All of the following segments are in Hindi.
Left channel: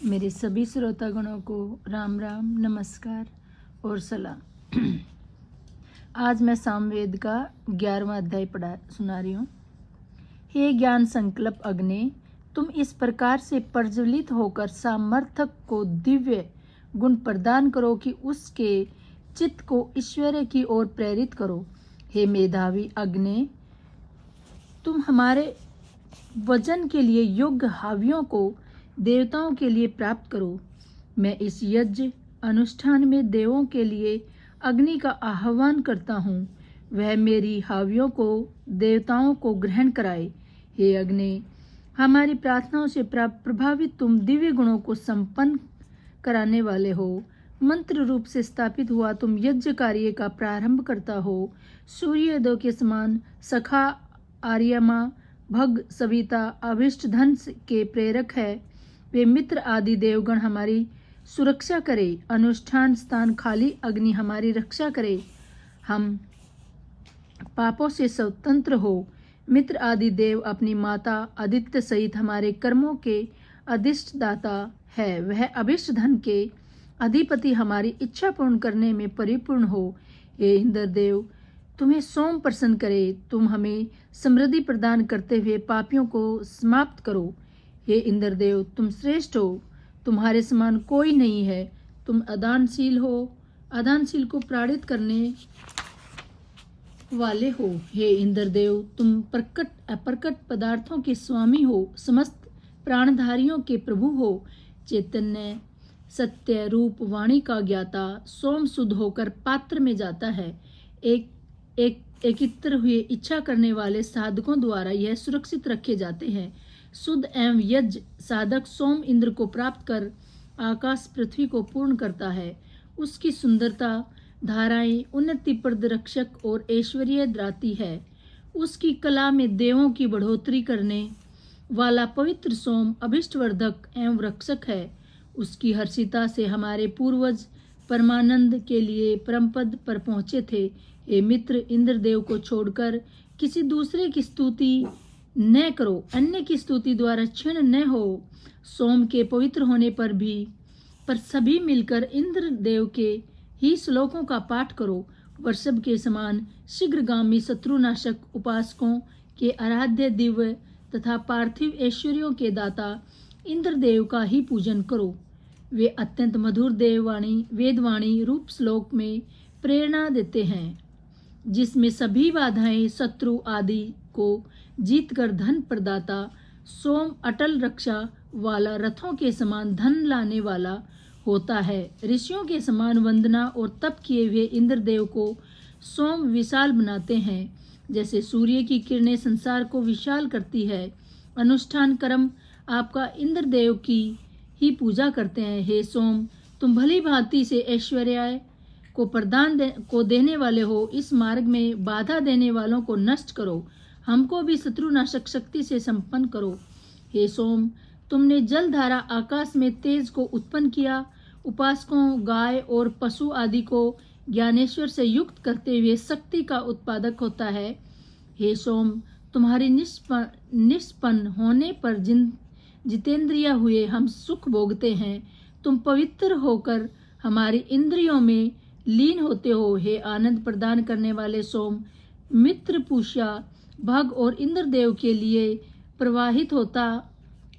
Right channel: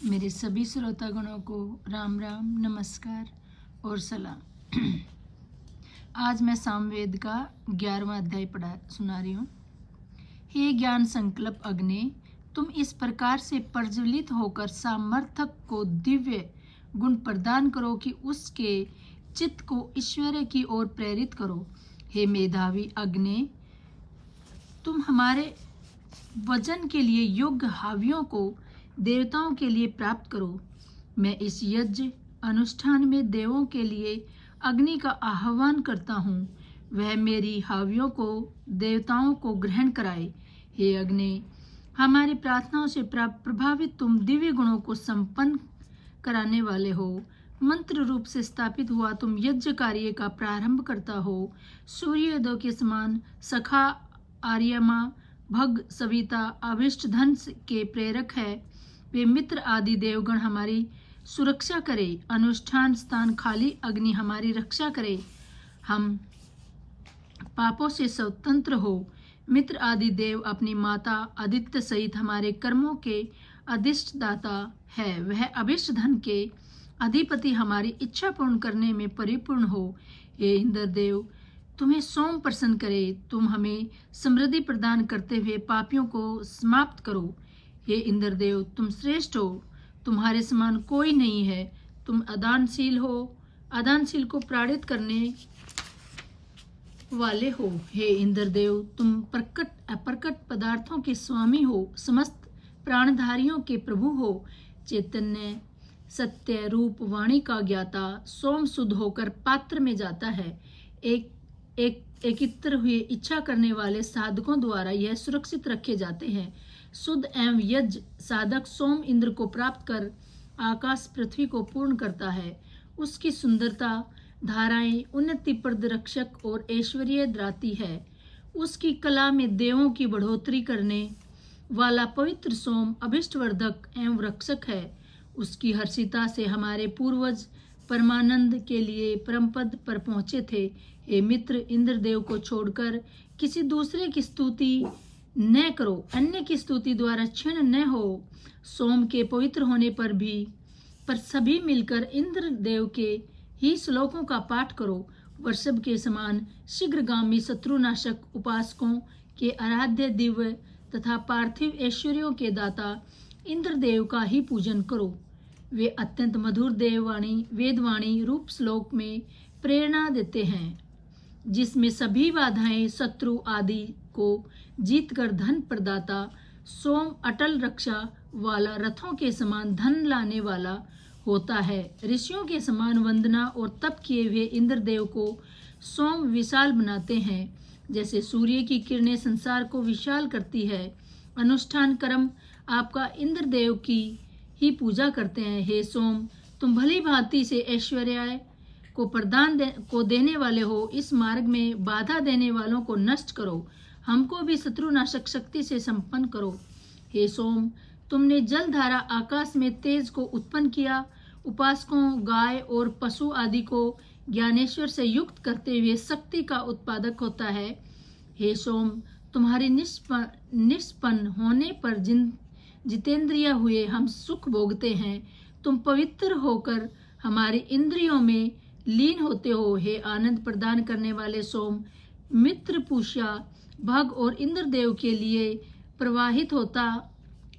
मेरे सभी श्रोतागणों को राम राम, नमस्कार और सलाम। आज मैं सामवेद का 11वां अध्याय सुना रही हूँ। हे ज्ञान संकल्प अग्नि, तुम इस प्रकार से प्रज्वलित होकर सामर्थक को दिव्य गुण प्रदान करो कि उसके चित्त को ईश्वर की ओर प्रेरित करो। हे मेधावी अग्नि, तुम हमारे वजन के लिए योग्य हावियों को देवताओं के लिए प्राप्त करो। मैं इस यज्ञ अनुष्ठान में देवों के लिए अग्नि का आह्वान करता हूँ, वह मेरी हावियों को देवताओं को ग्रहण कराए। हे अग्नि, हमारी प्रार्थनाओं से प्रभावित तुम दिव्य गुणों को संपन्न कराने वाले हो। मंत्र रूप से स्थापित हुआ तुम यज्ञ कार्य का प्रारंभ करता हो। सूर्योदय के समान सखा आर्यमा भग सविता अभिष्ट धन के प्रेरक है। वे मित्र आदि देवगण हमारी सुरक्षा करे। अनुष्ठान स्थान खाली अग्नि हमारी रक्षा करे। हम पापों से स्वतंत्र हो। मित्र आदि देव अपनी माता आदित्य सहित हमारे कर्मों के अधिष्ठ दाता है। वह अभिष्ट धन के अधिपति हमारी इच्छा पूर्ण करने में परिपूर्ण हो। हे इंद्रदेव, तुम्हें सोम प्रसन्न करे। तुम हमें समृद्धि प्रदान करते हुए पापियों को समाप्त करो। हे इंद्रदेव, तुम श्रेष्ठ हो, तुम्हारे समान कोई नहीं है। तुम अदानशील हो, अदानशील को प्राणित करने वाले हो। हे इंद्रदेव, तुम प्रकट अप्रकट पदार्थों के स्वामी हो, समस्त प्राणधारियों के प्रभु हो। चैतन्य सत्य रूप वाणी का ज्ञाता सोम शुद्ध होकर पात्र में जाता है। एकत्र हुए इच्छा करने वाले साधकों द्वारा यह सुरक्षित रखे जाते हैं। शुद्ध एवं यज्ञ साधक सोम इंद्र को प्राप्त कर आकाश पृथ्वी को पूर्ण करता है। उसकी सुंदरता धाराएं उन्नतिप्रद रक्षक और ऐश्वर्य द्राती है। उसकी कला में देवों की बढ़ोतरी करने वाला पवित्र सोम अभिष्टवर्धक एवं रक्षक है। उसकी हर्षिता से हमारे पूर्वज परमानंद के लिए परमपद पर पहुंचे थे। हे मित्र, इंद्रदेव को छोड़कर किसी दूसरे की स्तुति न करो, अन्य की स्तुति द्वारा क्षीण न हो। सोम के पवित्र होने पर सभी मिलकर इंद्रदेव के ही श्लोकों का पाठ करो। वर्षभ के समान शीघ्रगामी शत्रुनाशक उपासकों के आराध्य दिव्य तथा पार्थिव ऐश्वर्यों के दाता इंद्रदेव का ही पूजन करो। वे अत्यंत मधुर देववाणी वेदवाणी रूप श्लोक में प्रेरणा देते हैं, जिसमें सभी बाधाएं शत्रु आदि को जीतकर धन प्रदाता सोम अटल रक्षा वाला रथों के समान धन लाने वाला होता है। ऋषियों के समान वंदना और तप किए हुए इंद्रदेव को सोम विशाल बनाते हैं, जैसे सूर्य की किरणें संसार को विशाल करती है। अनुष्ठान कर्म आपका इंद्रदेव की ही पूजा करते हैं। हे सोम, तुम भली भांति से ऐश्वर्य को देने वाले हो। इस मार्ग में बाधा देने वालों को नष्ट करो। हमको भी शत्रुनाशक शक्ति से संपन्न करो। हे सोम, तुमने जलधारा आकाश में तेज को उत्पन्न किया। उपासकों गाय और पशु आदि को ज्ञानेश्वर से युक्त करते हुए शक्ति का उत्पादक होता है। हे सोम, तुम्हारी निष्पन्न होने पर जितेंद्रिय हुए हम सुख भोगते हैं। तुम पवित्र होकर हमारी इंद्रियों में लीन होते हो। हे आनंद प्रदान करने वाले सोम, मित्र पूषा भग और इंद्रदेव के लिए प्रवाहित होता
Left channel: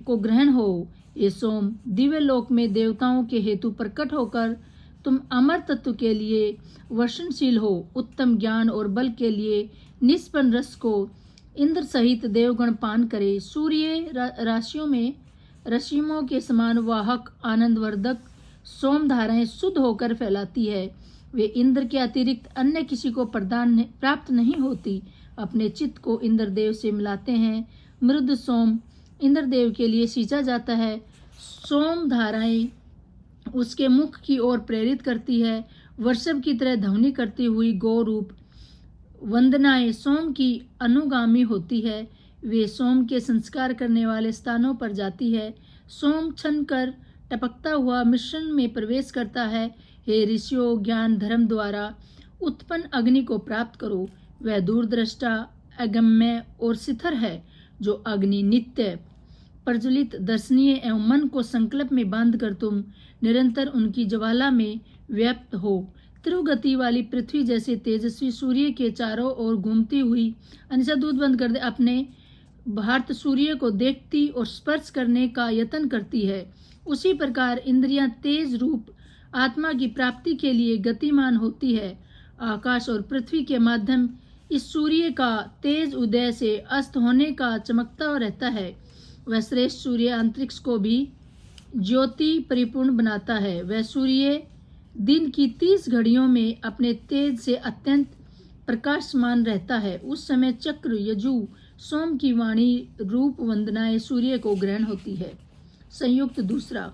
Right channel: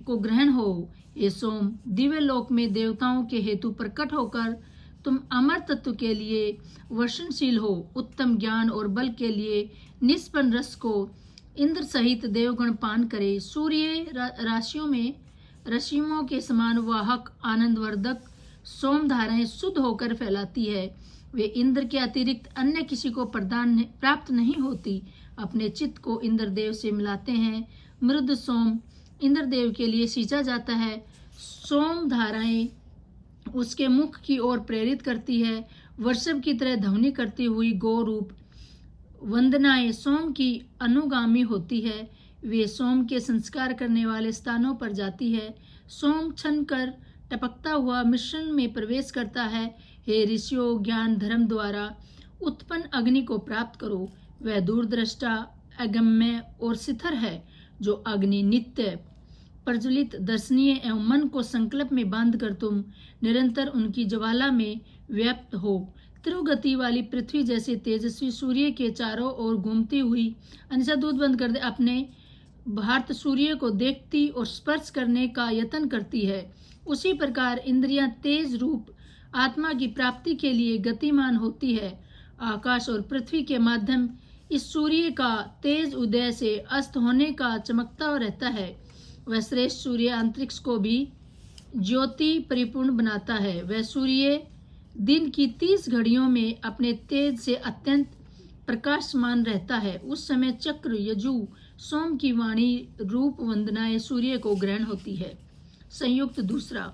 को ग्रहण हो। ये सोम, दिव्य लोक में देवताओं के हेतु प्रकट होकर तुम अमर तत्व के लिए वर्षणशील हो। उत्तम ज्ञान और बल के लिए निष्पन्न रस को इंद्र सहित देवगण पान करे। सूर्य रश्मियों के समान वाहक आनंदवर्धक सोम धाराएं शुद्ध होकर फैलाती है। वे इंद्र के अतिरिक्त अन्य किसी को प्राप्त नहीं होती। अपने चित्त को इंद्रदेव से मिलाते हैं। मृद सोम इंद्रदेव के लिए सींचा जाता है। सोम धाराएं उसके मुख की ओर प्रेरित करती है। वर्षभ की तरह ध्वनि करती हुई गौ रूप वंदनाएं सोम की अनुगामी होती है। वे सोम के संस्कार करने वाले स्थानों पर जाती है। सोम छन कर टपकता हुआ मिश्रण में प्रवेश करता है। हे ऋषियों, ज्ञान धर्म द्वारा उत्पन्न अग्नि को प्राप्त करो। वह दूरदृष्टा अगम्य और शिथिर है। जो अग्नि नित्य प्रज्वलित दर्शनीय एवं मन को संकल्प में बांधकर तुम निरंतर उनकी ज्वाला में व्याप्त हो। त्रिगति वाली पृथ्वी जैसे तेजस्वी सूर्य के चारों ओर घूमती हुई, अनिशा दूध बंद कर दे, अपने भारत सूर्य को देखती और स्पर्श करने का यत्न करती है, उसी प्रकार इंद्रियां तेज रूप आत्मा की प्राप्ति के लिए गतिमान होती है। आकाश और पृथ्वी के माध्यम इस सूर्य का तेज उदय से अस्त होने का चमकता रहता है। वह श्रेष्ठ सूर्य अंतरिक्ष को भी ज्योति परिपूर्ण बनाता है। वह सूर्य दिन की 30 घड़ियों में अपने तेज से अत्यंत प्रकाशमान रहता है। उस समय चक्र, यजु, सोम की वाणी रूप वंदनाएं सूर्य को ग्रहण होती है। संयुक्त दूसरा,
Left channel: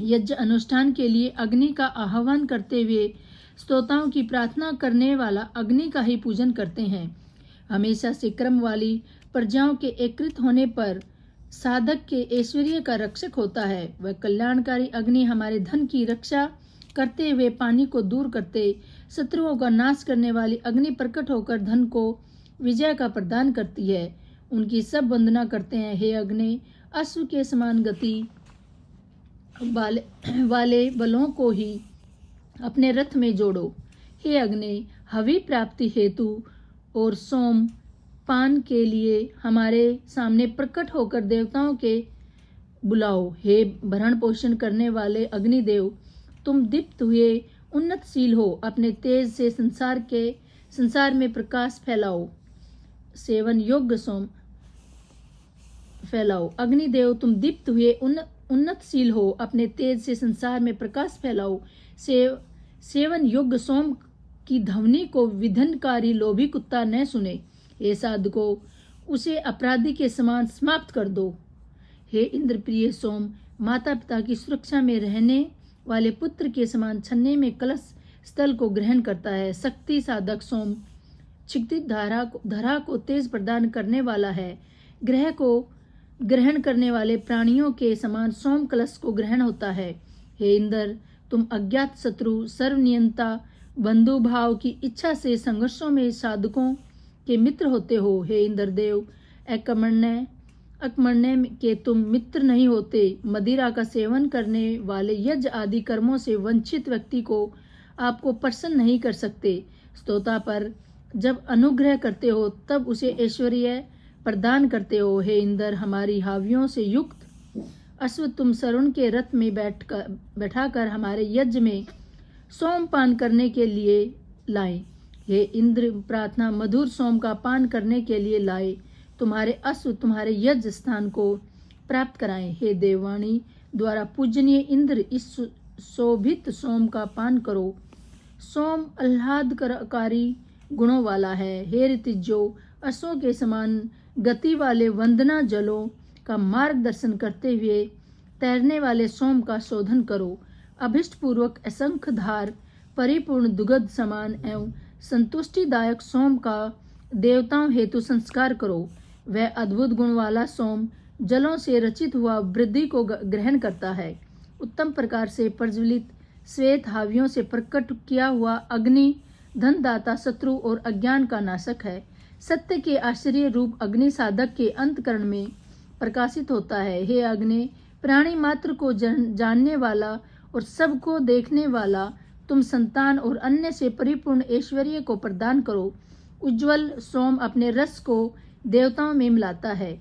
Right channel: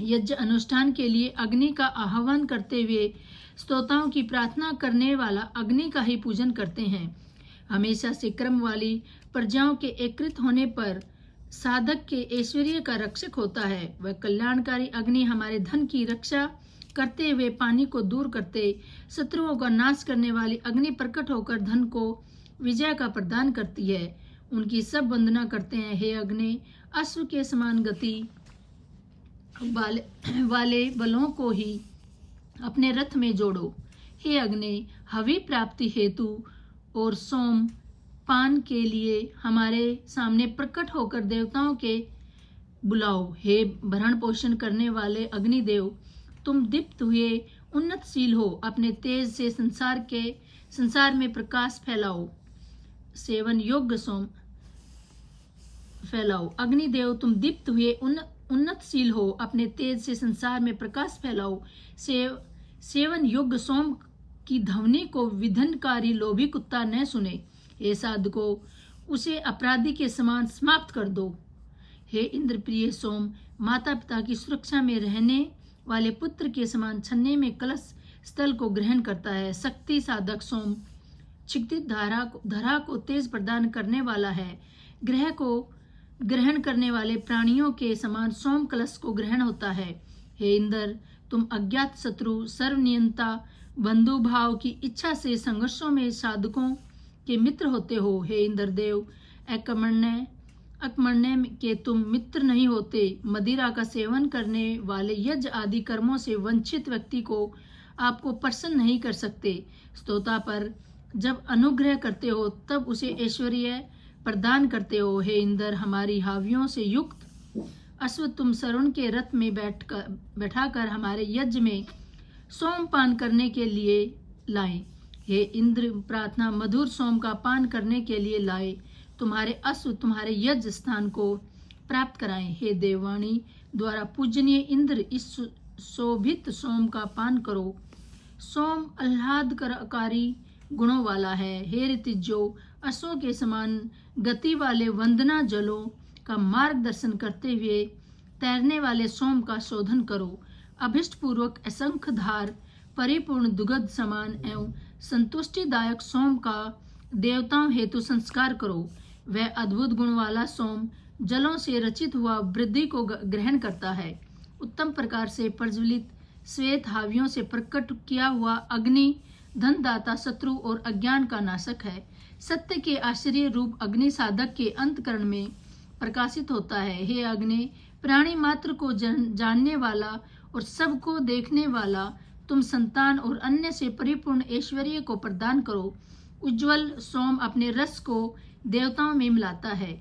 यज्ञ अनुष्ठान के लिए अग्नि का आह्वान करते हुए स्तोताओं की प्रार्थना करने वाला अग्नि का ही पूजन करते हैं। हमेशा से क्रम वाली प्रजाओं के एकत्रित होने पर साधक के ऐश्वर्य का रक्षक होता है। वह कल्याणकारी अग्नि हमारे धन की रक्षा करते हुए पानी को दूर करते, शत्रुओं का नाश करने वाली अग्नि प्रकट होकर धन को विजय का प्रदान करती है। उनकी सब वंदना करते हैं। हे अग्नि, अश्व के समान गति वाले बलों को ही अपने रथ में जोड़ो। हे अग्नि, हवि प्राप्ति हेतु और सोम पान के लिए हमारे सामने प्रकट होकर देवताओं के बुलाओ। हे भरण पोषण करने वाले अग्निदेव, तुम दीप्त हुए उन्नतशील हो, अपने तेज से संसार में प्रकाश फैलाओ। सेवन योग्य सोम फैलाओ। अग्निदेव, तुम दीप्त हुए उन्नतशील हो, अपने तेज से संसार में प्रकाश फैलाओ। सेवन योग्य सोम की ध्वनि को विधनकारी लोभी कुत्ता न सुने। हे साधको, उसे अपराधी के समान समाप्त कर दो। हे इंद्रप्रिय सोम, माता पिता की सुरक्षा में रहने वाले पुत्र के समान छन्ने में कलश स्थल को ग्रहण करता है। शक्ति साधक सोम क्षितिज धरा को तेज प्रदान करने वाला है। ग्रह को ग्रहण करने वाले प्राणियों के समान सोम कलश को ग्रहण होता है। हे इंद्र, तुम अज्ञात शत्रु, सर्वनियंता, बंधु भाव की इच्छा से संघर्षों में साधकों के मित्र होते हो। हे इंद्रदेव, अकर्मण्य के तुम मित्र नहीं होते। मदिरा का सेवन करने वाले यज्ञ आदि कर्मों से वंचित व्यक्ति को आपको प्रसन्न नहीं कर सकते। स्तोता पर जब अनुग्रह करते हो तब उसे ऐश्वर्य प्रदान करते हो। हे इंद्र, हमारी हावियों से युक्त अश्व तुम सरुण के रथ में बैठाकर हमारे यज्ञ में सोमपान करने के लिए लाए। हे इंद्र, प्रार्थना मधुर सोम का पान करने के लिए लाए। तुम्हारे अश्व तुम्हारे यज्ञ स्थान को प्राप्त कराएं। हे देववाणी द्वारा पूजनीय इंद्र, इस शोभित सोम का पान करो। सोम आह्लादकारी गुणों वाला है। हे ऋतिजो, अश्वों के समान गति वाले वंदना जलों का मार्गदर्शन करते हुए तैरने वाले सोम का शोधन करो। अभिष्ट पूर्वक असंख्य धार परिपूर्ण दुग्ध समान एवं संतुष्टिदायक सोम का देवताओं हेतु संस्कार करो। वह अद्भुत गुण वाला सोम जलों से रचित हुआ वृद्धि को ग्रहण करता है। उत्तम प्रकार से प्रज्वलित श्वेत हावियों से प्रकट किया हुआ अग्नि धनदाता, शत्रु और अज्ञान का नाशक है। सत्य के आश्चर्य रूप अग्नि साधक के अंतकरण में प्रकाशित होता है। हे अग्नि, प्राणी मात्र को जानने वाला और सबको देखने वाला, तुम संतान और अन्य से परिपूर्ण ऐश्वर्य को प्रदान करो। उज्ज्वल सोम अपने रस को देवताओं में मिलाता है।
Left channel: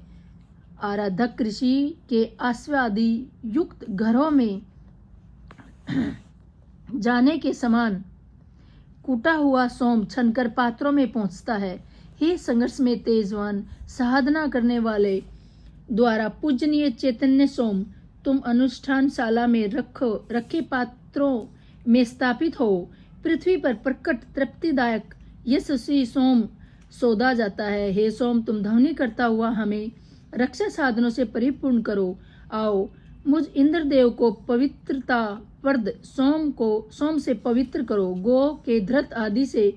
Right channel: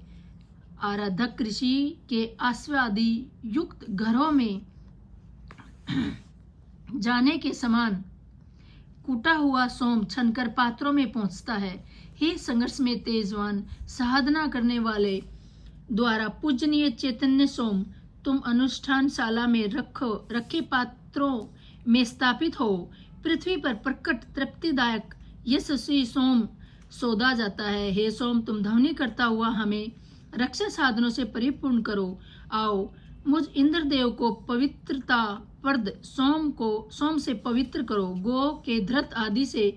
आराधक ऋषि के आस्वादि युक्त घरों में जाने के समान कूटा हुआ सोम छनकर पात्रों में पहुंचता है। हे संघर्ष में तेजवान साधना करने वाले द्वारा पूजनीय चैतन्य सोम, तुम अनुष्ठानशाला में रखे पात्रों में स्थापित हो। पृथ्वी पर प्रकट तृप्तिदायक यशस्वी सोम सौदा जाता है। हे सोम, तुम ध्वनि करता हुआ हमें रक्षा साधनों से परिपूर्ण करो। आओ, मुझ इंद्रदेव को पवित्रता प्रद सोम से पवित्र करो। गो के धृत आदि से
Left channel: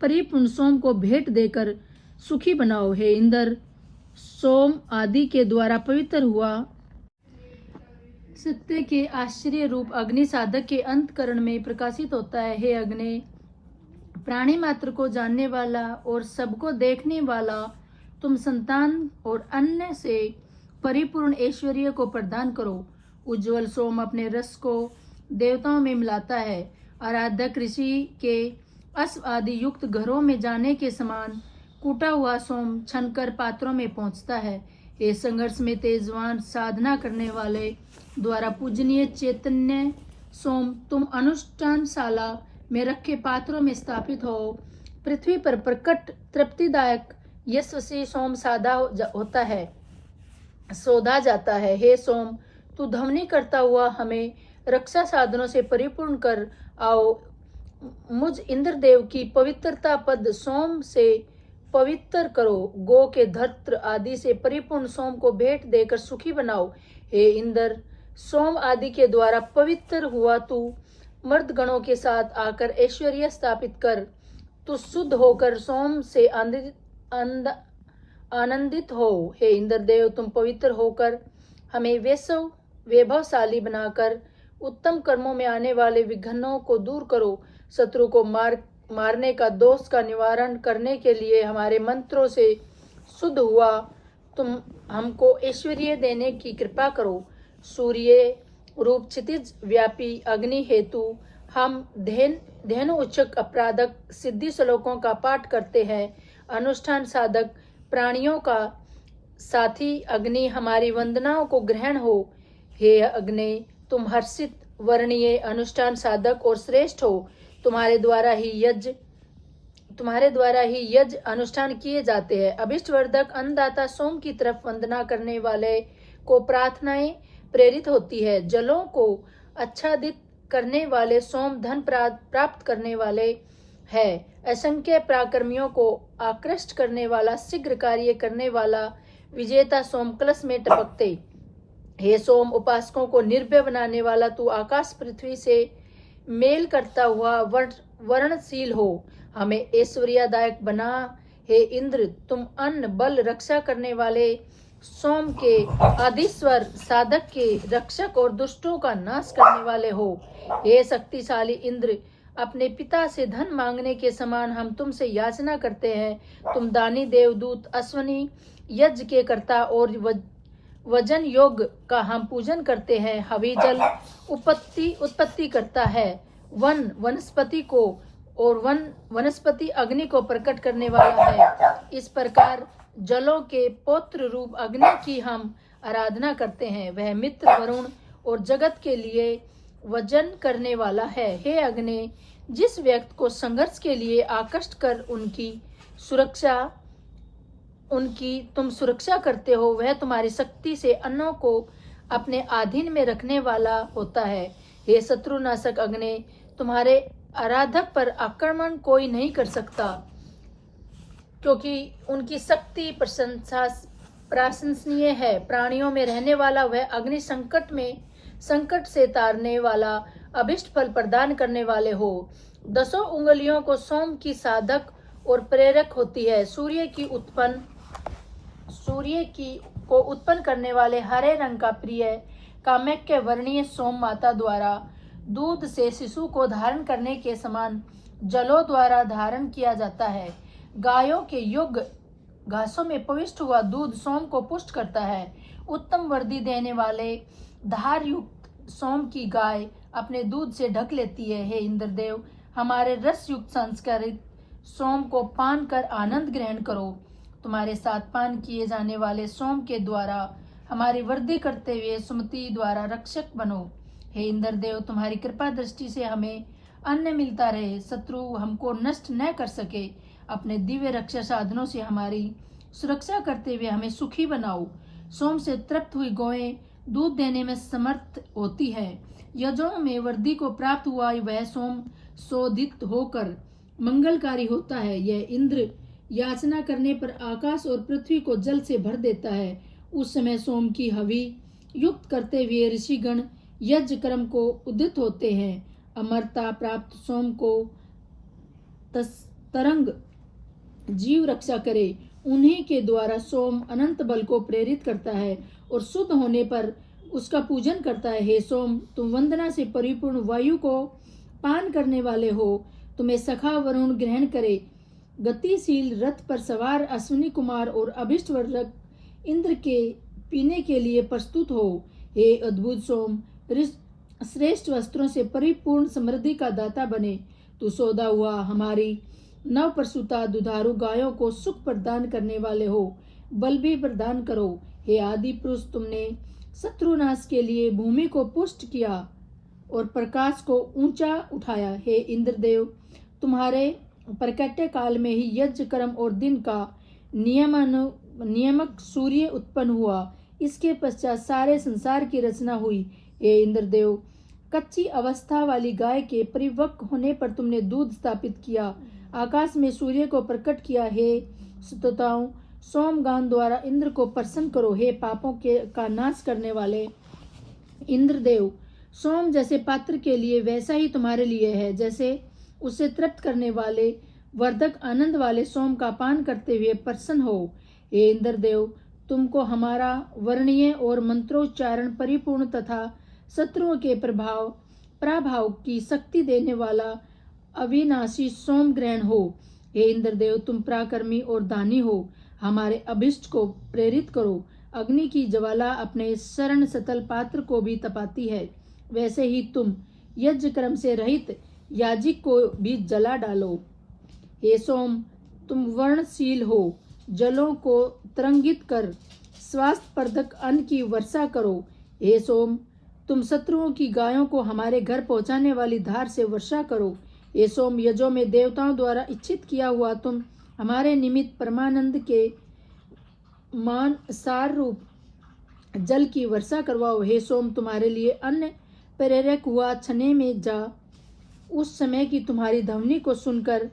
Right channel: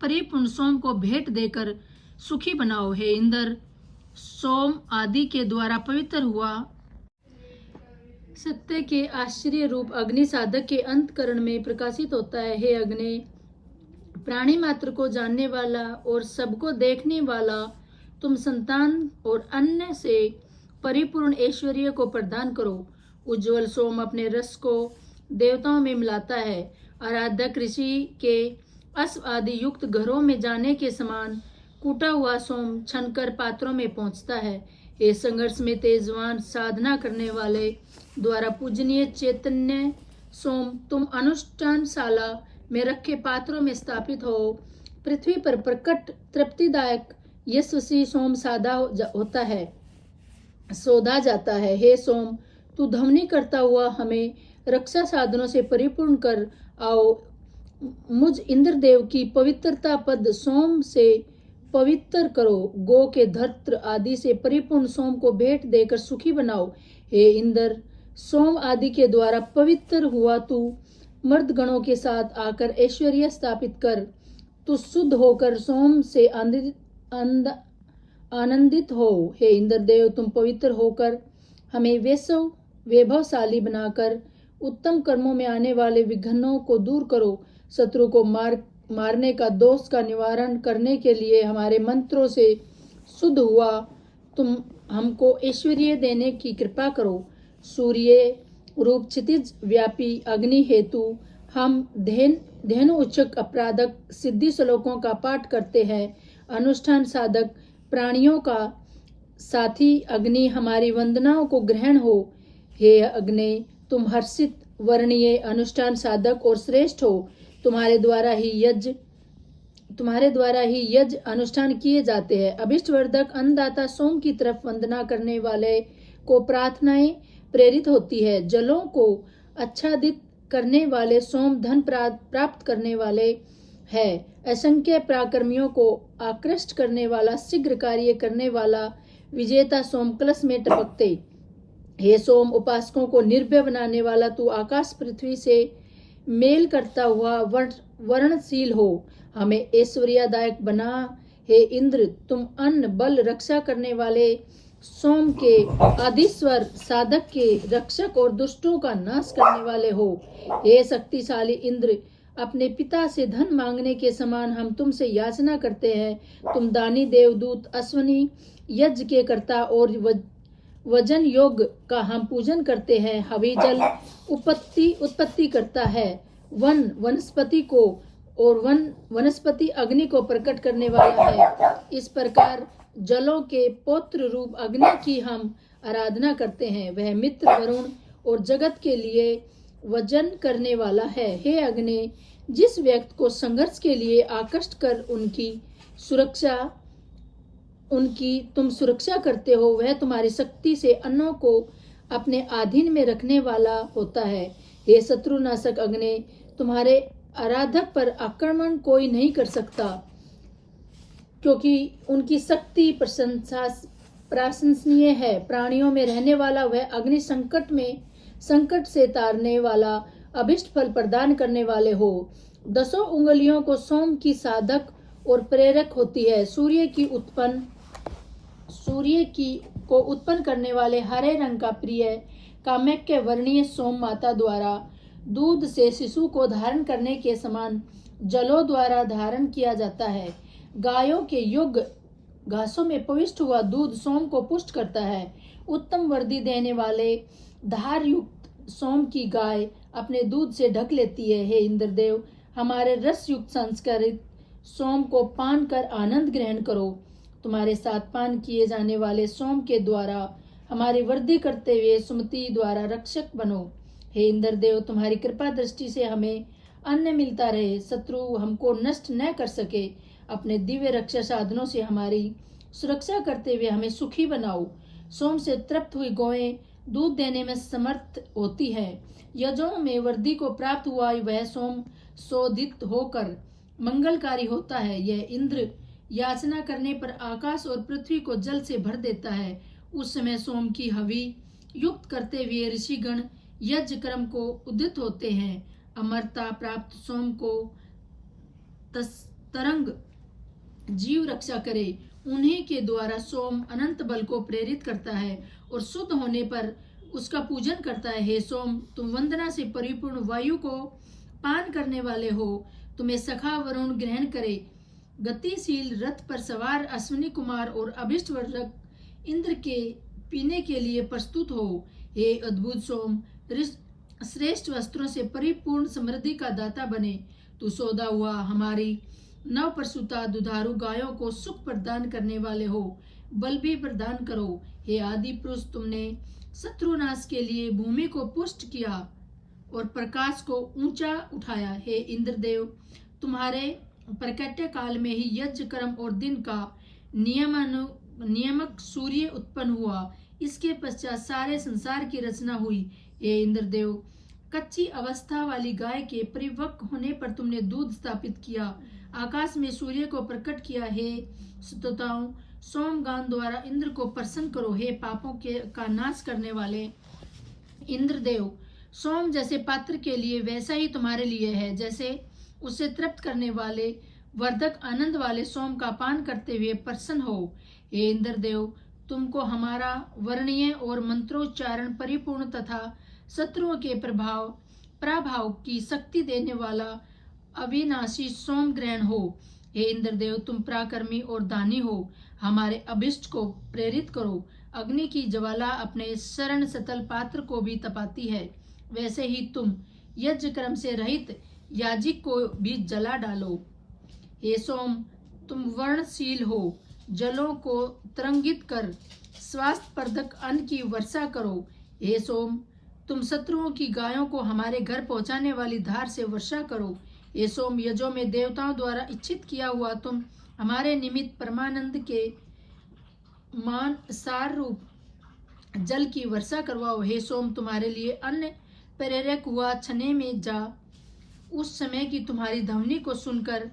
परिपूर्ण सोम को भेंट देकर सुखी बनाओ। हे इंद्र, सोम आदि के द्वारा पवित्र हुआ सत्य के आश्चर्य रूप अग्नि साधक के अंतकरण में प्रकाशित होता है। हे अग्नि, प्राणी मात्र को जानने वाला और सबको देखने वाला, तुम संतान और अन्य से परिपूर्ण ऐश्वर्य को प्रदान करो। उज्ज्वल सोम अपने रस को देवताओं में मिलाता है। आराधक ऋषि के अश्व आदि युक्त घरों में जाने के समान कूटा हुआ सोम छनकर पात्रों में पहुंचता है। ये संघर्ष में तेजवान साधना करने वाले द्वारा पूजनीय चैतन्य सोम तुम अनुष्ठानशाला में रखे पात्रों में स्थापित हो। पृथ्वी पर प्रकट तृप्तिदायक यशस्वी सोम होता है, सौधा जाता है। हे सोम, तू ध्वनि करता हुआ हमें रक्षा साधनों से परिपूर्ण कर आओ। मुझ इंद्रदेव की पवित्रता पद सोम से पवित्र करो। गो के धर्त्र आदि से परिपूर्ण सोम को भेंट देकर सुखी बनाओ। हे इंद्र, सोम आदि के द्वारा पवित्र हुआ तू मर्द गणों के साथ आकर ऐश्वर्य स्थापित कर। तू शुद्ध होकर सोम से आनंदित हो। हे इंद्रदेव, तुम पवित्र होकर हमें वैभवशाली बनाकर उत्तम कर्मों में आने वाले विघ्नों को दूर करो। शत्रु को मारने का दोष का निवारण करने के लिए हमारे मंत्रों से शुद्ध हुआ तुम हमको ऐश्वर्य देने की कृपा करो। सूर्य रूप क्षितिज व्यापी अग्नि हेतु हम धेनु उच्चक अपराधक सिद्धि श्लोकों का पाठ करते हैं। अनुष्ठान साधक प्राणियों का साथी अग्नि हमारी वंदनाओं को ग्रहण हो। हे अग्नि, तुम हर्षित वर्णीय अनुष्ठान साधक और श्रेष्ठ हो। तुम्हारे द्वारा ही यज्ञ अनुष्ठान किए जाते हैं। अभिष्ट वर्धक अन्नदाता सोम की तरफ वंदना करने वाले को प्रार्थनाएं प्रेरित होती है। जलों को आच्छादित करने वाले सोम धन प्राप्त करने वाले है। असंख्य पराक्रमियों को आकृष्ट करने वाला, शीघ्र कार्य करने वाला विजेता सोम कलश में टपकते। हे सोम, उपासकों को निर्भय बनाने वाला तू आकाश पृथ्वी से मेल करता हुआ वर्णशील हो। हमें ऐश्वर्यदायक बना। हे इंद्र, तुम अन्न बल रक्षा करने वाले सोम के आदिश्वर साधक के रक्षक और दुष्टों का नाश करने वाले हो। हे शक्तिशाली इंद्र, अपने पिता से धन मांगने के समान हम तुमसे याचना करते हैं। तुम दानी देवदूत अश्वनी यज्ञ के कर्ता और वजन योग का हम पूजन करते हैं। हवि जल उत्पत्ति करता है। वनस्पति अग्नि को प्रकट करने वाला है। इस प्रकार जलों के पौत्र रूप अग्नि की हम आराधना करते हैं। वह मित्र वरुण और जगत के लिए वजन करने वाला है। हे अग्नि, जिस व्यक्ति को संघर्ष के लिए आकृष्ट कर तुम सुरक्षा करते हो, वह तुम्हारी शक्ति से अन्नों को अपने अधीन में रखने वाला होता है। हे शत्रुनाशक अग्नि, तुम्हारे आराधक पर आक्रमण कोई नहीं कर सकता, क्योंकि उनकी शक्ति प्रशंसनीय है। प्राणियों में रहने वाला वह अग्नि संकट से तारने वाला, अभिष्ट फल प्रदान करने वाले हो। 10 उंगलियों को सोम की साधक और प्रेरक होती है। सूर्य को उत्पन्न करने वाले हरे रंग का प्रिय काम्यज्ञ वर्णीय सोम माता द्वारा दूध से शिशु को धारण करने के समान जलों द्वारा धारण किया जाता है। गायों के युग घासों में पविष्ट हुआ दूध सोम को पुष्ट करता है। उत्तम वर्दी देने वाले धार युक्त सोम की गाय अपने दूध से ढक लेती है। हे इंद्रदेव, हमारे रस युक्त संस्कारित सोम को पान कर आनंद ग्रहण करो। तुम्हारे साथ पान किए जाने वाले सोम के द्वारा हमारी वृद्धि करते हुए सुमति द्वारा रक्षक बनो। हे इंद्रदेव, तुम्हारी कृपा दृष्टि से हमें अन्न मिलता रहे, शत्रु हमको नष्ट न कर सके। अपने दिव्य रक्षा साधनों से हमारी सुरक्षा करते हुए हमें सुखी बनाओ। सोम से तृप्त हुई गौएं दूध देने में समर्थ होती है। यज्ञों में वृद्धि को प्राप्त हुआ वह सोम शोधित होकर मंगलकारी होता है। यह इंद्र याचना करने पर आकाश और पृथ्वी को जल से भर देता है। उस समय सोम की हवि युक्त करते हुए ऋषिगण यज्ञ कर्म को उद्यत होते हैं। अमरता प्राप्त सोम को तरंग जीव रक्षा करे। उन्हीं के द्वारा सोम अनंत बल को प्रेरित करता है और शुद्ध होने पर उसका पूजन करता है। हे सोम, तुम वंदना से परिपूर्ण वायु को पान करने वाले हो। तुम्हें सखा वरुण ग्रहण करे। गतिशील रथ पर सवार अश्विनी कुमार और अभिष्ट वर्धक इंद्र के पीने के लिए प्रस्तुत हो। हे अद्भुत सोम, श्रेष्ठ वस्त्रों से परिपूर्ण समृद्धि का दाता बने। तू सौदा हुआ हमारी नव प्रसूता दुधारू गायों को सुख प्रदान करने वाले हो, बल भी प्रदान करो। हे आदि पुरुष, तुमने शत्रुनाश के लिए भूमि को पुष्ट किया और प्रकाश को ऊंचा उठाया। हे इंद्रदेव, तुम्हारे प्रकट्य काल में ही यज्ञ कर्म और दिन का नियमक सूर्य उत्पन्न हुआ। इसके पश्चात सारे संसार की रचना हुई। हे इंद्रदेव, कच्ची अवस्था वाली गाय के परिपक्व होने पर तुमने दूध स्थापित किया, आकाश में सूर्य को प्रकट किया। हे स्तोताओं, सोमगान द्वारा इंद्र को प्रसन्न करो। हे पापों का नाश करने वाले इंद्रदेव, सोम जैसे पात्र के लिए वैसा ही तुम्हारे लिए है। जैसे उसे तृप्त करने वाले वर्धक आनंद वाले सोम का पान करते हुए प्रसन्न हो। हे इंद्रदेव, तुमको हमारा वर्णीय और मंत्रोच्चारण परिपूर्ण तथा शत्रुओं के प्रभाव की शक्ति देने वाला अविनाशी सोम ग्रहण हो। हे इंद्रदेव, तुम पराक्रमी और दानी हो, हमारे अभिष्ट को प्रेरित करो। अग्नि की ज्वाला अपने शरण सतल पात्र को भी तपाती है, वैसे ही तुम यज्ञ कर्म से रहित याजिक को भी जला डालो। हे सोम, तुम वर्णशील हो, जलों को तरंगित कर स्वास्थ्यप्रदक अन्न की वर्षा करो। हे सोम, तुम शत्रुओं की गायों को हमारे घर पहुंचाने वाली धार से वर्षा करो। हे सोम, यजों में देवताओं द्वारा इच्छित किया हुआ तुम हमारे निमित्त परमानंद के मान सार रूप जल की वर्षा करवाओ। हे सोम, तुम्हारे लिए अन्न प्रेरक हुआ छने में जा। उस समय की तुम्हारी ध्वनि को सुनकर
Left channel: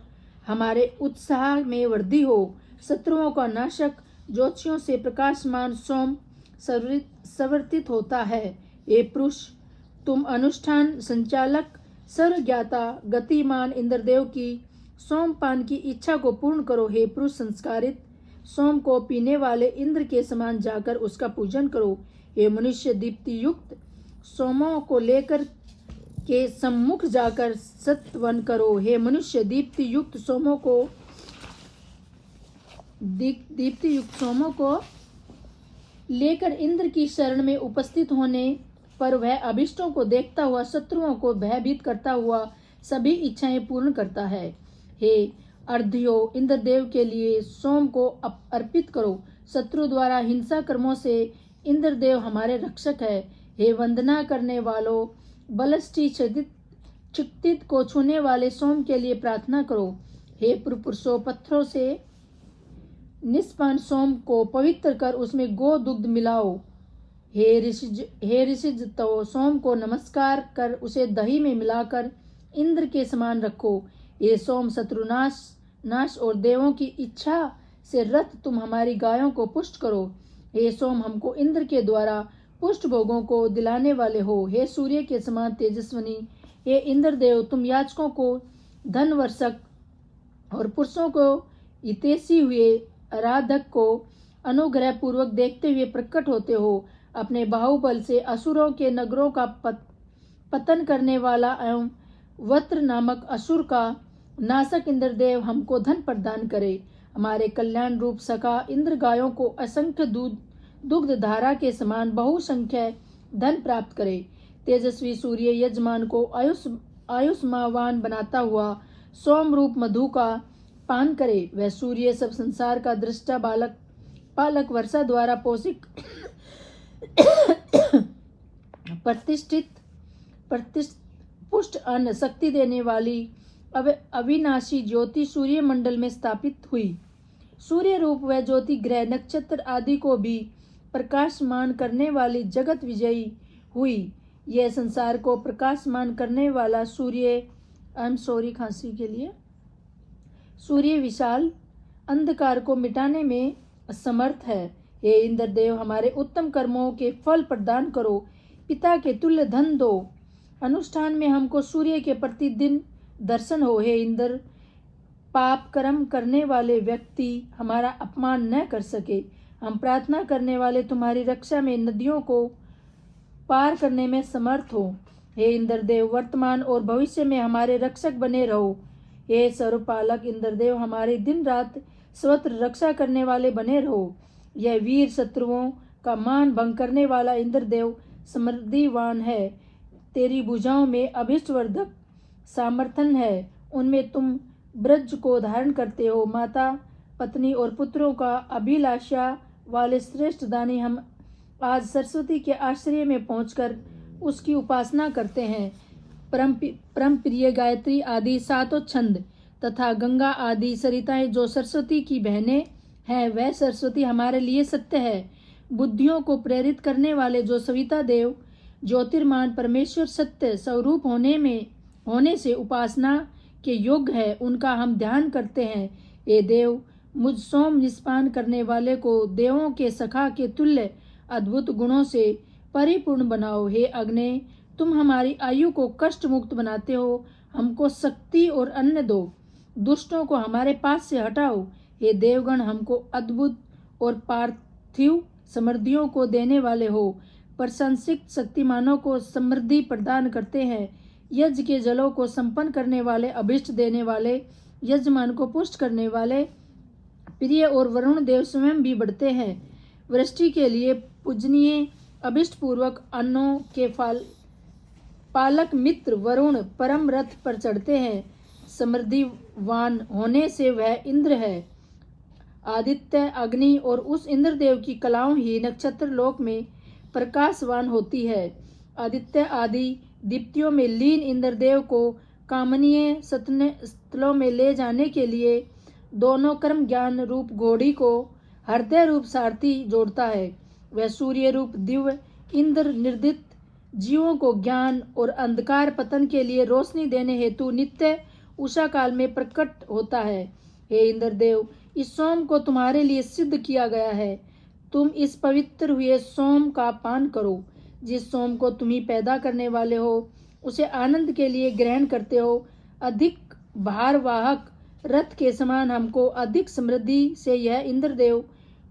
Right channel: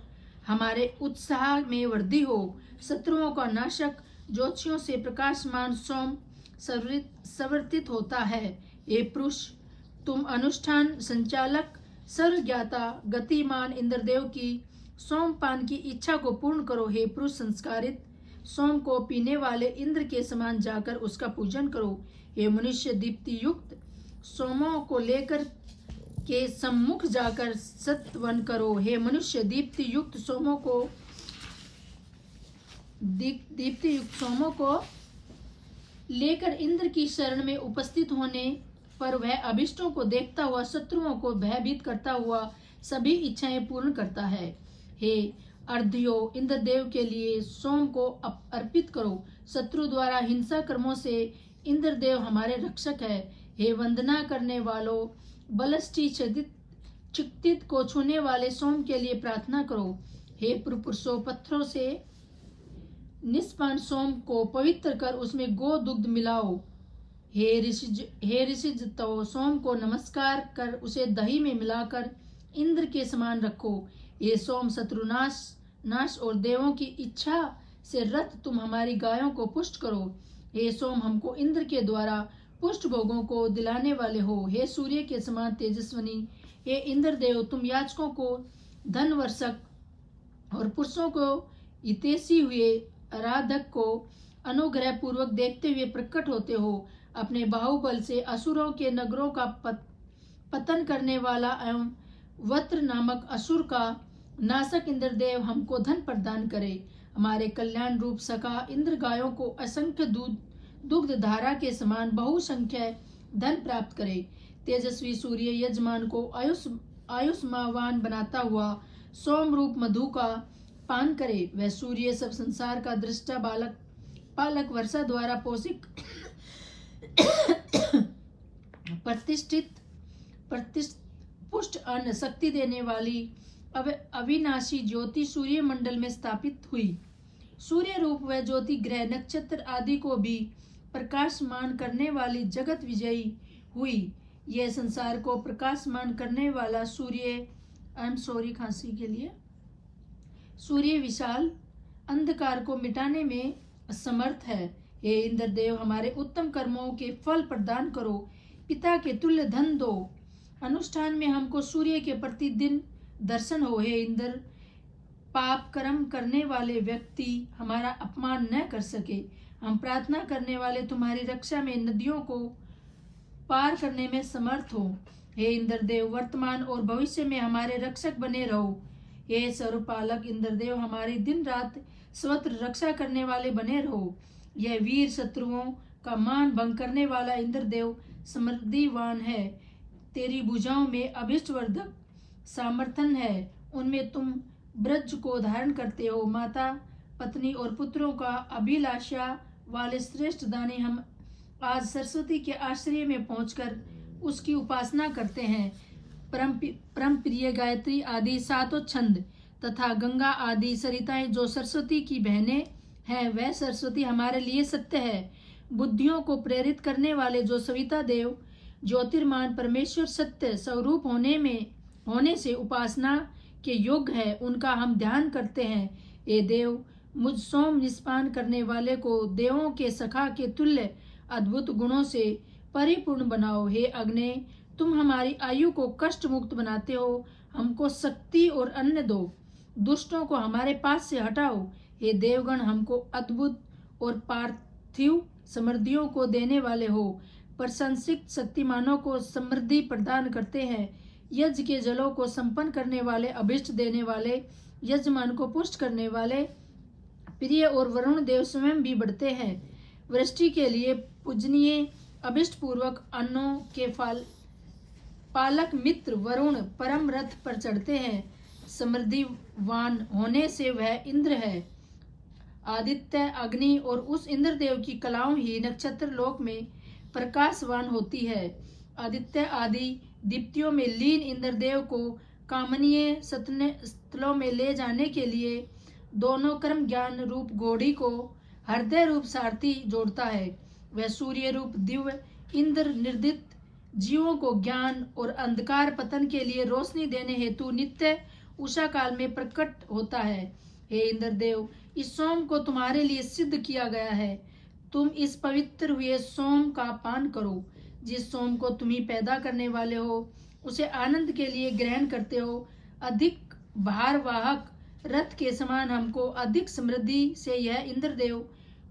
हमारे उत्साह में वृद्धि हो। शत्रुओं का नाशक ज्योतिषियों से प्रकाशमान सोम संवर्तित होता है। हे पुरुष, तुम अनुष्ठान संचालक सर्वज्ञाता गतिमान इंद्रदेव की सोमपान की इच्छा को पूर्ण करो। हे पुरुष, संस्कारित सोम को पीने वाले इंद्र के समान जाकर उसका पूजन करो। हे मनुष्य, दीप्ति युक्त सोमों को लेकर के सम्मुख जाकर सत्वन करो। हे मनुष्य, दीप्ति युक्त सोमों को लेकर इंद्र की शरण में उपस्थित होने पर वह अभिष्टों को देखता हुआ शत्रुओं को भयभीत करता हुआ सभी इच्छाएं पूर्ण करता है। हे अर्ध्यो, इंद्रदेव के लिए सोम को अर्पित करो। शत्रु द्वारा हिंसा कर्मों से इंद्रदेव हमारे रक्षक है। हे वंदना करने वालों, बलष्ठी चित्तित को छूने वाले सोम के लिए प्रार्थना करो। हे पुरुषों, पत्थरों से निष्पान सोम को पवित्र कर उसमें गो दुग्ध मिलाओ। हे ऋषिज, तो सोम को नमस्कार कर उसे दही में मिलाकर इंद्र के समान रखो। हे सोम, शत्रुनाश और देवों की इच्छा से रत तुम हमारी गायों को पुष्ट करो। हे सोम, हमको इंद्र के द्वारा पुष्ट भोगों को दिलाने वाले हो। हे सूर्य के समान तेजस्वनी, हे इंद्रदेव, तुम याचकों को धन वर्षक और पुरुषों को हितैषी हुए आराधक को अनुग्रह पूर्वक देखते हुए प्रकट होते हो। अपने बाहुबल से असुरों के नगरों का पतन करने वाला एवं वत्र नामक असुर का नाशक इंद्रदेव हमको धन प्रदान करे। हमारे कल्याण रूप सखा इंद्र गायों को असंख्य दुग्ध धारा के समान बहुसंख्य धन प्राप्त करे। तेजस्वी सूर्य यजमान को आयुष्मावान बनाता हुआ सोम रूप मधु का पान करे। वह सूर्य सब संसार का दृष्टा पालक वर्षा द्वारा पोषित प्रतिष्ठित पुष्ट अन्न शक्ति देने वाली अविनाशी ज्योति सूर्य मंडल में स्थापित हुई। सूर्य रूप वह ज्योति ग्रह नक्षत्र आदि को भी प्रकाशमान करने वाली जगत विजयी हुई। यह संसार को प्रकाशमान करने वाला सूर्य विशाल अंधकार को मिटाने में समर्थ है। हे इंद्रदेव, हमारे उत्तम कर्मों के फल प्रदान करो। पिता के तुल्य धन दो। अनुष्ठान में हमको सूर्य के प्रतिदिन दर्शन हो। हे इंद्र, पाप कर्म करने वाले व्यक्ति हमारा अपमान न कर सके। हम प्रार्थना करने वाले तुम्हारी रक्षा में नदियों को पार करने में समर्थ हो। हे इंद्रदेव, वर्तमान और भविष्य में हमारे रक्षक बने रहो। हे सर्वपालक इंद्रदेव, हमारे दिन रात स्वत्र रक्षा करने वाले बने रहो। यह वीर शत्रुओं का मान भंग करने वाला इंद्रदेव समृद्धिवान है। तेरी भुजाओं में अभिष्टवर्धक सामर्थन है, उनमें तुम ब्रज को धारण करते हो। माता, पत्नी और पुत्रों का अभिलाषा वाले श्रेष्ठ दानी हम आज सरस्वती के आश्रय में पहुंचकर उसकी उपासना करते हैं। परम प्रिय गायत्री आदि सातों छंद तथा गंगा आदि सरिताएं जो सरस्वती की बहनें हैं, वह सरस्वती हमारे लिए सत्य है। बुद्धियों को प्रेरित करने वाले जो सविता देव ज्योतिर्मान परमेश्वर सत्य स्वरूप होने से उपासना के योग्य है, उनका हम ध्यान करते हैं। हे देव, मुझ सोम निष्पान करने वाले को देवों के सखा के तुल्य अद्भुत गुणों से परिपूर्ण बनाओ। हे अग्नि, तुम हमारी आयु को कष्ट मुक्त बनाते हो, हमको शक्ति और अन्न दो, दुष्टों को हमारे पास से हटाओ। हे देवगण, हमको अद्भुत और पार्थिव समृद्धियों को देने वाले हो, प्रशंसित शक्तिमानों को समृद्धि प्रदान करते हैं। यज्ञ के जलों को संपन्न करने वाले, अभिष्ट देने वाले, यजमान को पुष्ट करने वाले प्रिय और वरुण देव स्वयं भी बढ़ते हैं। वृष्टि के लिए पूजनीय अभिष्ट पूर्वक अन्नों के पालक मित्र वरुण परम रथ पर चढ़ते हैं। समृद्धिवान होने से वह इंद्र है। आदित्य, अग्नि और उस इंद्रदेव की कलाओं ही नक्षत्र लोक में प्रकाशवान होती है। आदित्य आदि दीप्तियों में लीन इंद्रदेव को कामनीय स्थलों में ले जाने के लिए दोनों कर्म ज्ञान रूप घोड़ी को हृदय रूप सारथी जोड़ता है। वह सूर्य रूप दिव्य इंद्र निर्दित जीवों को ज्ञान और अंधकार पतन के लिए रोशनी देने हेतु नित्य उषा काल में प्रकट होता है। हे इंद्रदेव, इस सोम को तुम्हारे लिए सिद्ध किया गया है। तुम इस पवित्र हुए सोम का पान करो। जिस सोम को तुम ही पैदा करने वाले हो, उसे आनंद के लिए ग्रहण करते हो। अधिक भारवाहक रथ के समान हमको अधिक समृद्धि से यह इंद्रदेव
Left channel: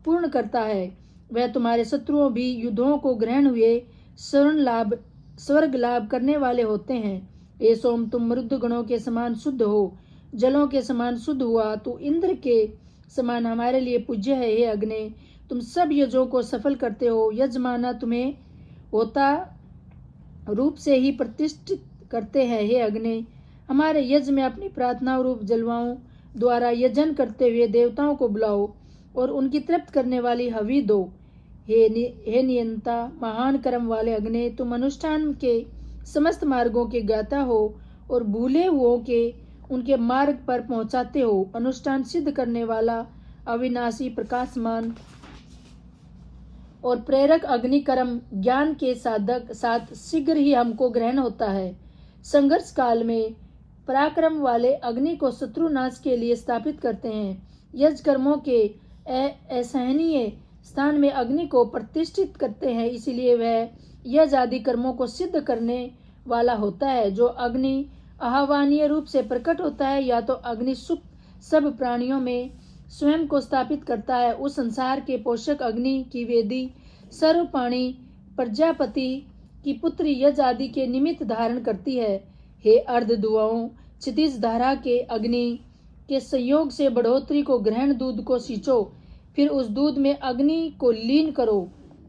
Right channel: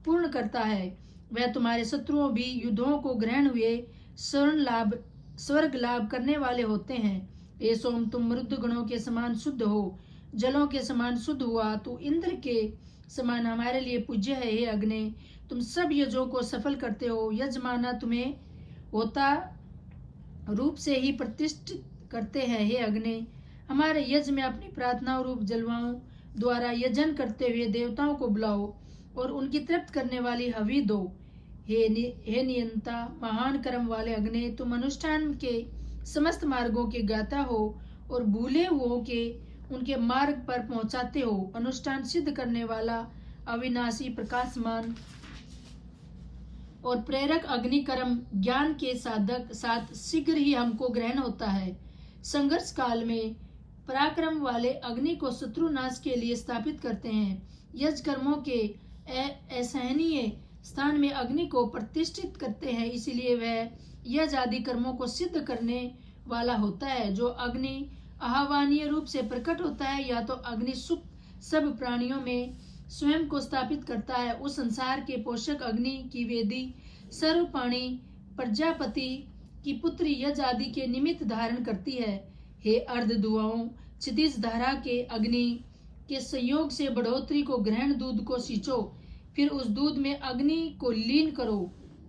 पूर्ण करता है। वह तुम्हारे शत्रुओं भी युद्धों को ग्रहण हुए स्वर्ग लाभ करने वाले होते हैं। हे सोम, तुम मृद गणों के समान शुद्ध हो, जलों के समान शुद्ध हुआ, तू इंद्र के समान हमारे लिए पूज्य है। हे अग्नि, तुम सब यज्ञों को सफल करते हो। यजमाना तुम्हें होता रूप से ही प्रतिष्ठित करते हैं। हे अग्नि, हमारे यज्ञ में अपनी प्रार्थना रूप जलवाओं द्वारा यजन करते हुए देवताओं को बुलाओ और उनकी तृप्त करने वाली हवि दो। हे नियंता, महान कर्म वाले अग्नि, तुम अनुष्ठान के समस्त मार्गों के ज्ञाता हो और भूले हुओं के उनके मार्ग पर पहुंचाते हो। अनुष्ठान सिद्ध करने वाला अविनाशी प्रकाशमान और प्रेरक अग्नि कर्म ज्ञान के साथ शीघ्र ही हमको ग्रहण होता है। संघर्ष काल में पराक्रम वाले अग्नि को शत्रुनाश के लिए स्थापित करते हैं। यज्ञ कर्मों के असहनीय स्थान में अग्नि को प्रतिष्ठित करते हैं, इसलिए वह यज्ञ आदि कर्मों को सिद्ध करने वाला होता है। जो अग्नि आह्वानीय रूप से प्रकट होता है, या तो अग्नि सुख सब प्राणियों में स्वयं को स्थापित करता है। उस संसार के पोषक अग्नि की वेदी सर्वपाणी प्रजापति की पुत्री यज्ञ आदि के निमित्त धारण करती है। हे अर्ध दुआओं, क्षितिज धारा के अग्नि के संयोग से बढ़ोतरी को ग्रहण दूध को सींचो, फिर उस दूध में अग्नि को लीन करो।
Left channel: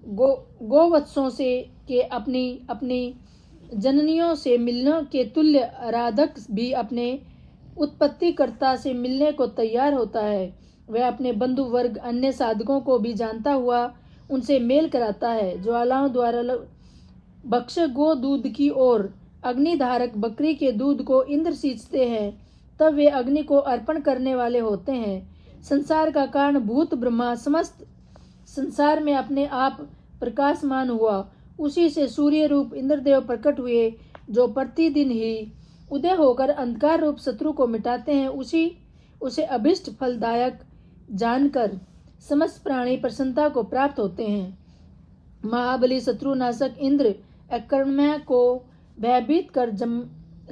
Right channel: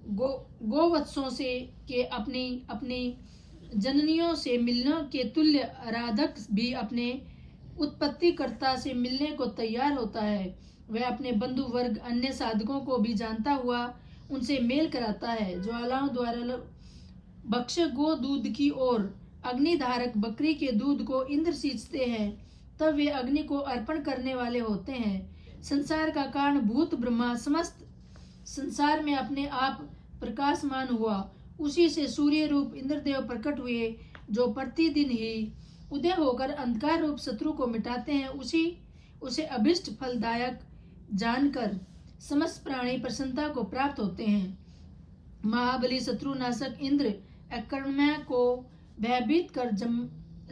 गोवत्सों से के अपनी जननियों से मिलने के तुल्य आराधक भी अपने उत्पत्तिकर्ता से मिलने को तैयार होता है। वह अपने बंधु वर्ग अन्य साधकों को भी जानता हुआ उनसे मेल कराता है। ज्वालाओं द्वारा भक्ष गो दूध की ओर अग्निधारक बकरी के दूध को इंद्र सींचते हैं, तब वे अग्नि को अर्पण करने वाले होते हैं। संसार का कारण भूत ब्रह्मा समस्त संसार में अपने आप प्रकाशमान हुआ। उसी से सूर्य रूप इंद्रदेव प्रकट हुए, जो प्रतिदिन ही उदय होकर अंधकार रूप शत्रु को मिटाते हैं। उसे अभिष्ट फलदायक जानकर समस्त प्राणी प्रसन्नता को प्राप्त होते हैं। महाबली शत्रुनाशक इंद्र अकर्म्य को भयभीत कर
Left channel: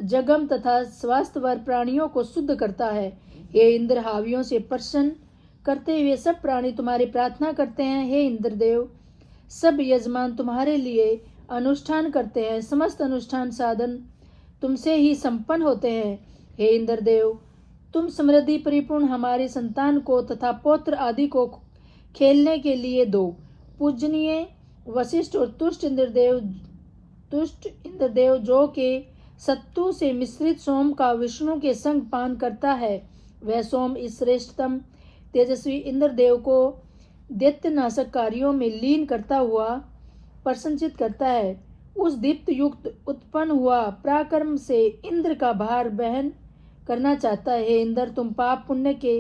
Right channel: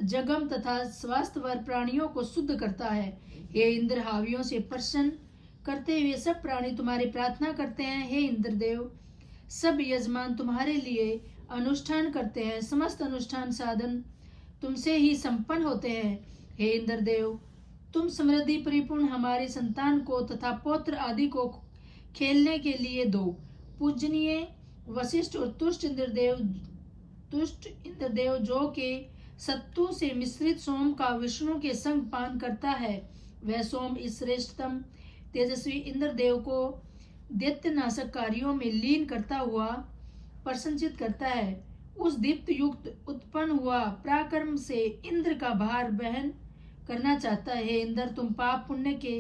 जगम तथा स्वास्थ्यवर प्राणियों को शुद्ध करता है। हे इंद्र, हावियों से प्रसन्न करते हुए सब प्राणी तुम्हारी प्रार्थना करते हैं। हे इंद्रदेव, सब यजमान तुम्हारे लिए अनुष्ठान करते हैं। समस्त अनुष्ठान साधन तुमसे ही संपन्न होते हैं। हे इंद्रदेव, तुम समृद्धि परिपूर्ण हमारी संतान को तथा पौत्र आदि को खेलने के लिए दो पूजनीय वशिष्ठ और तुष्ट इंद्रदेव जो के सत्तू से मिश्रित सोम का विष्णु के संग पान करता है, वह सोम इस श्रेष्ठतम तेजस्वी इंद्रदेव को दैत्यनाशक कार्यों में लीन करता हुआ प्रसन्नचित करता है। उस दीप्त युक्त उत्पन्न हुआ पराक्रम से इंद्र का भार वहन करना चाहता है। हे इंद्र, तुम पाप पुण्य के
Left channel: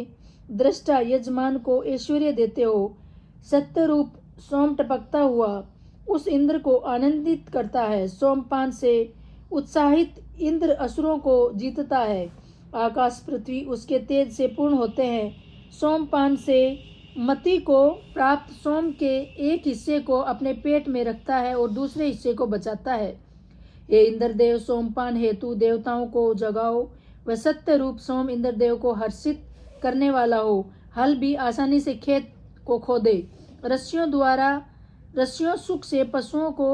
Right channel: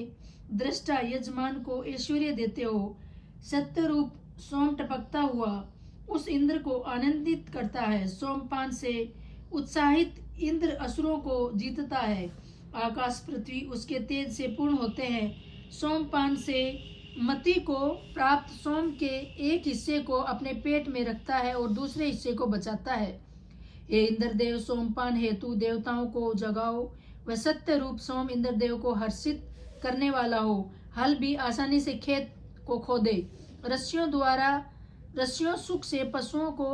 दृष्टा यजमान को ऐश्वर्य देते हो। सत्य रूप सोम टपकता हुआ उस इंद्र को आनंदित करता है। सोमपान से उत्साहित इंद्र असुरों को जीतता है। आकाश पृथ्वी उसके तेज से पूर्ण होते हैं। सोमपान से मति को प्राप्त सोम के एक हिस्से को अपने पेट में रखता है और दूसरे हिस्से को बचाता है। हे इंद्रदेव, सोमपान हेतु देवताओं को जगाओ। वह सत्य रूप सोम इंद्रदेव को हर्षित करने वाला हो। हल भी आसानी से खेत को खोदे, रस्सियों सुख से पशुओं को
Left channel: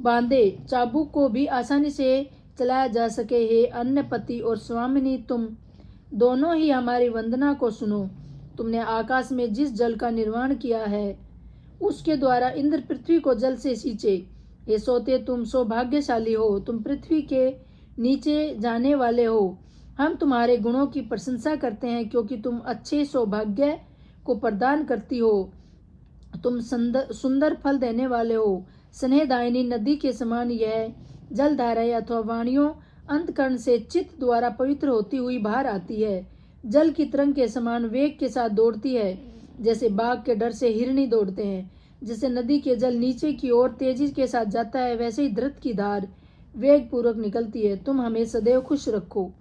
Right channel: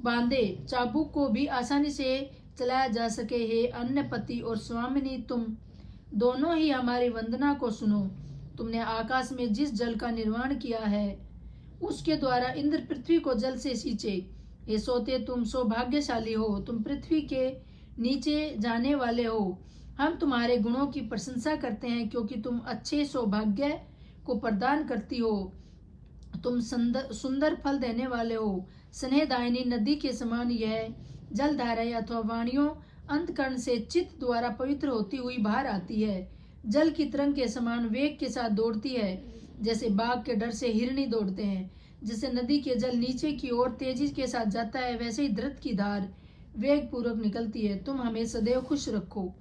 बांधे, चाबुक को भी आसानी से चलाया जा सके। हे अन्नपति और स्वामिनी, तुम दोनों ही हमारी वंदना को सुनो। तुमने आकाश में जिस जल का निर्माण किया है उसके द्वारा इंद्र पृथ्वी को जल से सींचे। हे सोते, तुम सौभाग्यशाली हो, तुम पृथ्वी के नीचे जाने वाले हो। हम तुम्हारे गुणों की प्रशंसा करते हैं क्योंकि तुम अच्छे सौभाग्य को प्रदान करती हो। तुम सुंदर फल देने वाले हो। स्नेहदायिनी नदी के समान यह जलधाराएं अथवा वाणियों अंतकरण से चित्त द्वारा पवित्र होती हुई बाहर आती है। जल की तरंग के समान वेग के साथ दौड़ती है, जैसे बाघ के डर से हिरनी दौड़ते हैं। जैसे नदी के जल नीचे की ओर तेजी के साथ जाता है, वैसे ही धृत की धार वेग पूर्वक निकलती है। तुम हमें सदैव खुश रखो।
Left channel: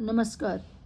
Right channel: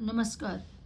नमस्कार।